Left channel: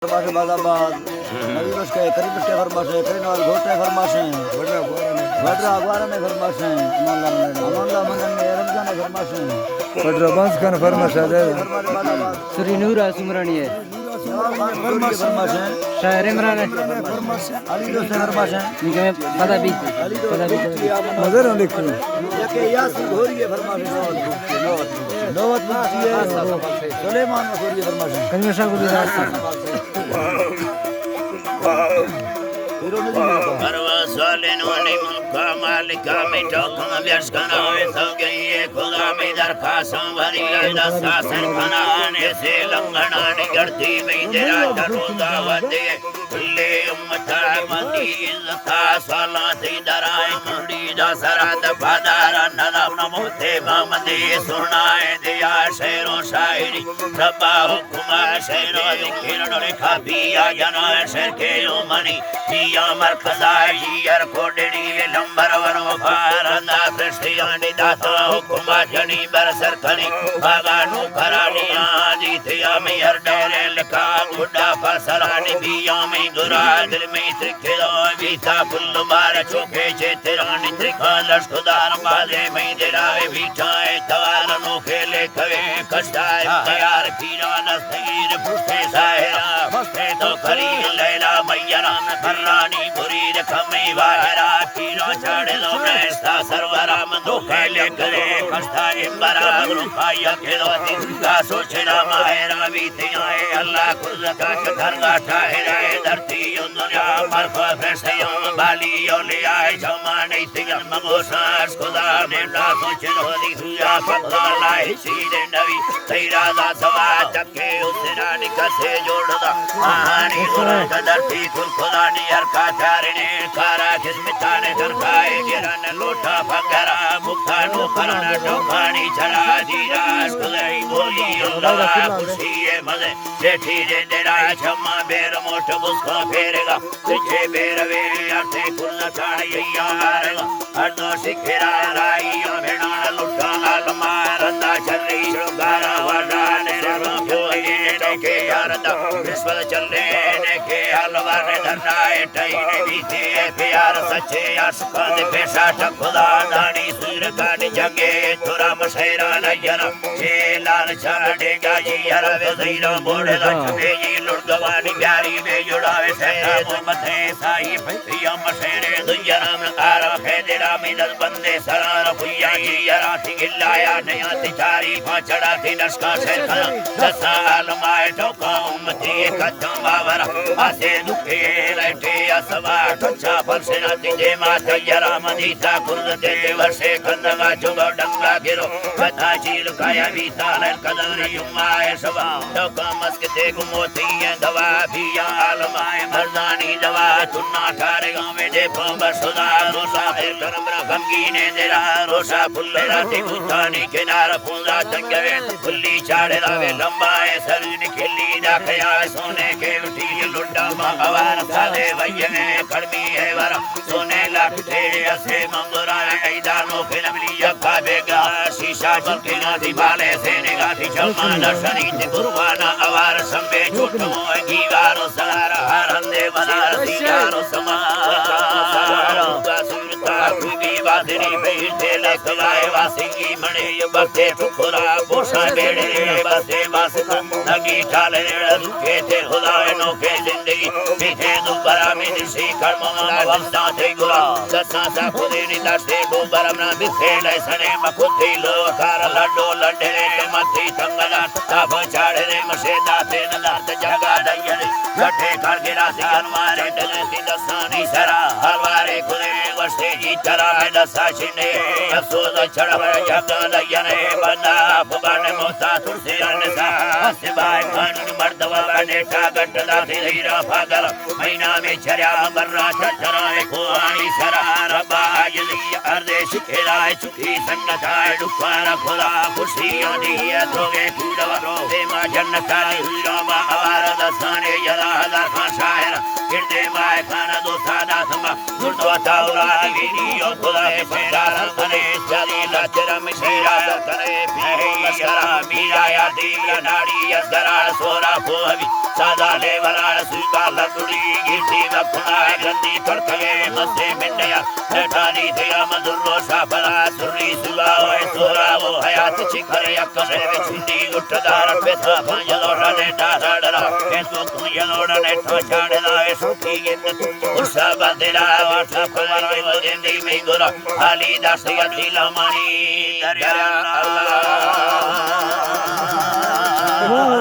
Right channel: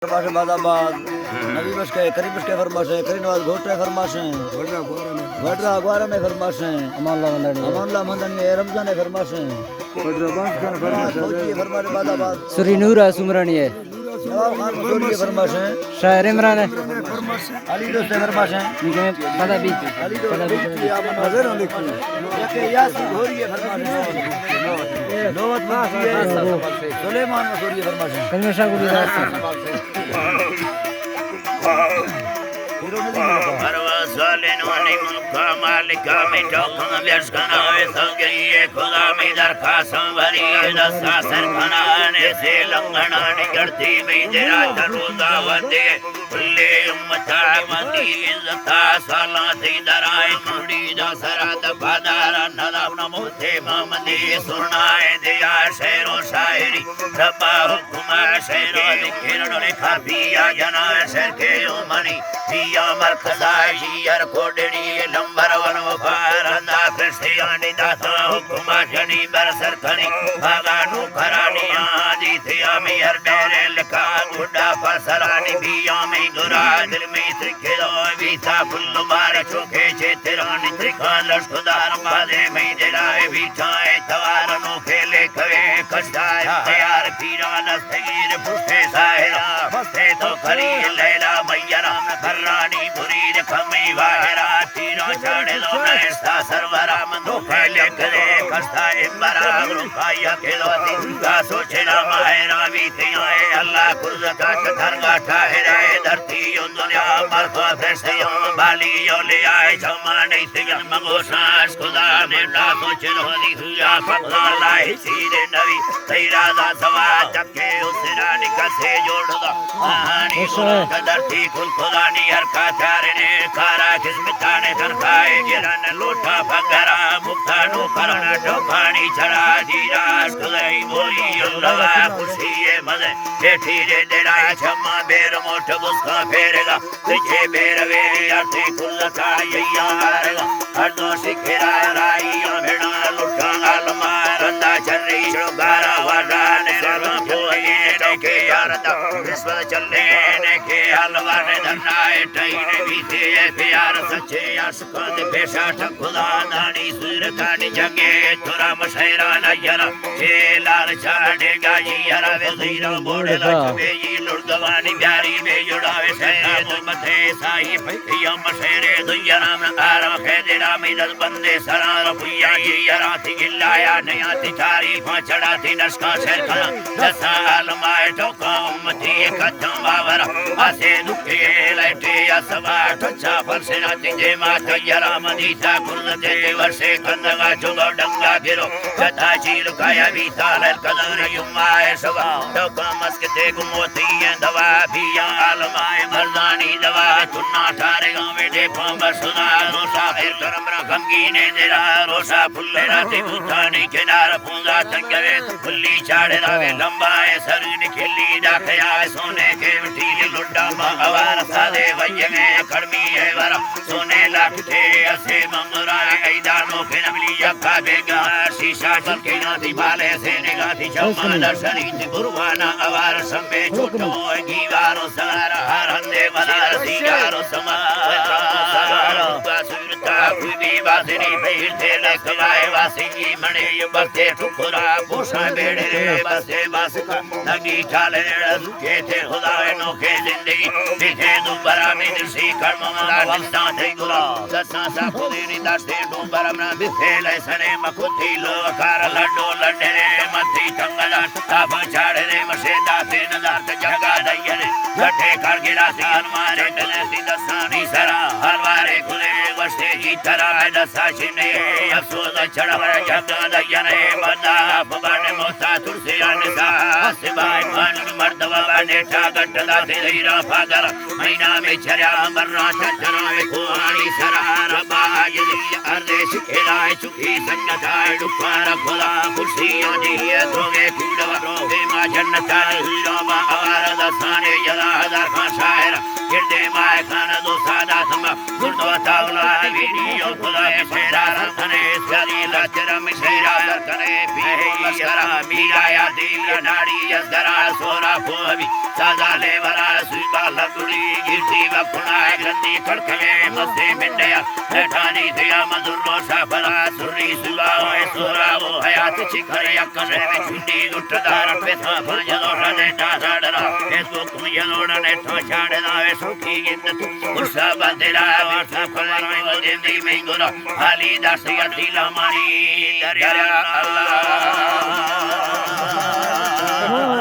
फरमाशे बाजाबाद नबी बस के करीब बस के फरमाशे करीनवाल घोटरे फरमाशे वडरा अगवारा में फरमाशे अमानला मंदन में रमजान में फरमाशे वडरा बांस खान फरमाशे फरमाशे बाजाबाद श्री नूरा सुमरानी है फरमाशे शायर इमरान है अली दोस्त फरमाशे निके में पता भी नजर देखो के यासी घोरी है फरमाशे नौवत मुंशी है सुलेमान मसूरी फरमाशे कन्वेशा को Didar Arvasalin wali mulka malika mitokam vyashkana vesangaye khuda midar khasam varila sasan khana se langana nigarti meidera charuda vade kulle ummata mandi zata salati darai mandi dasarat badara nalam namote mamadi sunaye diya shairo shairi sabba hukma shairo kirano lekha piya jana sharke umani piya markhada Yar kodeni number one paranda prasthiyani data hukuma jani barsarkhani bhaganu karani adi thiyami yar dole laka gudda parsalani biyami dura dil mein trikhelo vita kullu bar choke chetirani trikhalas khudar bale mein dilave vita etwar no khele kave kastai yar pira nasir puste sahira puste to kari leila mayyaram karani buri kami vara tiro chadelo nesta sarvara mando kale kare kasta imbara rukaya kedo dinga sochela mahera vitiya allah kul ka targa tahira dharti yundunya par ko fesya bali yoliya jamane tiya magosas khuda ne da sochelo diya fakla lahi sire navi teira da sawa jakke usna nikase jodda ahani guru dharti kul khuda ni har ka charne kara kismitane tarkaye giran lota pagara muktanu karana topani chara jiras kulai boli Allah khushiye made jethi dera chamma ber mot muska ferega tujhe ber ve arte kulla chaiya arega hardo sikhira raiya beda lutta alma randa challi shogara wada ne ram kyoye ke karada viswa challe ne ke alwa ne dhanna taine vite प्यार सच्चे आसमान के साथ खुदा दानी सिर काट जगे तुरा मशैरा नजर हे लाल छाड़े गाजी हरा वे सैरो बोड़ लगे जी लुड़गवानी प्यारी में जुड़ावे सैद मथे साई भैया मशैरे दुयरा में आरा खेदेरा में दल बंदे सरार भैया जी हरा थी गिल्लाया नया तिचारी फाचड़ा थी नस्का शेर खाना जसा आलमाए ठोका उम्मती कदम बावरा आसे दुखे लाइटे असवा ठचा परसेना तिजे माता जरा मनीता कुर्दे वर्षे कंदगा जुगा डंगा गिरो कथा चील काया बीताल कदरी युमाए सवा तो मस्कते गुमोती दवा पिया आलमा मर्दानी दवा तुन्ना थारे गांव में दे पंबर सुना रोसा फिर करमरा गंगी ने देरा रोसा फुल्ले राती भूतानी किनार पूजा तंगरे फुल्ली चाड़े रावे लंबाए सर निखिली डाखया सोने के वटीली लुड्डा मावार साले वयंगे अकड़मी है वरा सोने लगते ऐसे मंगरा ऐदानो फिरमली यक्का देगा शीशा चमकेना दिवाले से निगाह जमाना शरीर बुरवाना अवार संबे छोटो गीवारो सगारा हरंदे मदीरा सीगारो समर वकामो सगारो बासुरता कुबी बादरी फिर थे लेखवाए वासिंगी मणे ये बके ठुकरा पोसा डेड़े बसे बासका लगी चाले रुके थे खुदाए नोखे जिंदगी फिर दुबरा में सी कर्मला वंशा थे गुरा दसा सा खुदेनी दसे दुबरा में बिसेले सने मखुती लो कार लड्डो लड्डे मथी थंगला ताप चाड़े ने मसेदा थे नदात जगा दयरे जठे कारगिरा सी हनुमान चंडने सी दसानी सरा हरवारे खुदे वर्षे जी तरा दसा छिने अफसोस चढ़वे जगा दयने बंदा फबाने मोसा तुलसी अनसा सिबाई कानून मर्दवा बाने टागट दाते हीरा फादर महीना में चरा मरना चरा खुआनी सरा रबा जली अर्दे सिखराए चुकी सन्नता दुखारा खुदा खुशियां दिए तुम्हें कूड़वा हे मां जन्नत हीरा मा आवार दसाने जरा हजार खान शायर हृदय माय खाना दो सादा Taula, Zurdo Taula, Video, Kula, Mishera, Sane, Salila, Jera, Mishera, Sane, Piola, Sara, Miraya, Divya, Nadia, Sara, Sora, Pohavi, Sada, Levara, Suba, Laguri, Gilti, Lapuna, Gandhi, Tartale, Mase, Mendaya, Hetani, Thea, Maduro, Safala, Suri, Suba, Sora, Hayat, Chikara, Kane, Chindi, Gutadara, Pesa, Panjalo, Sadara, Facebook, Yanoda, Chadela, Soki, Ursa, Bandera, Jimmy Mingura, Ali, Dasila, Mani, Daria, Allah.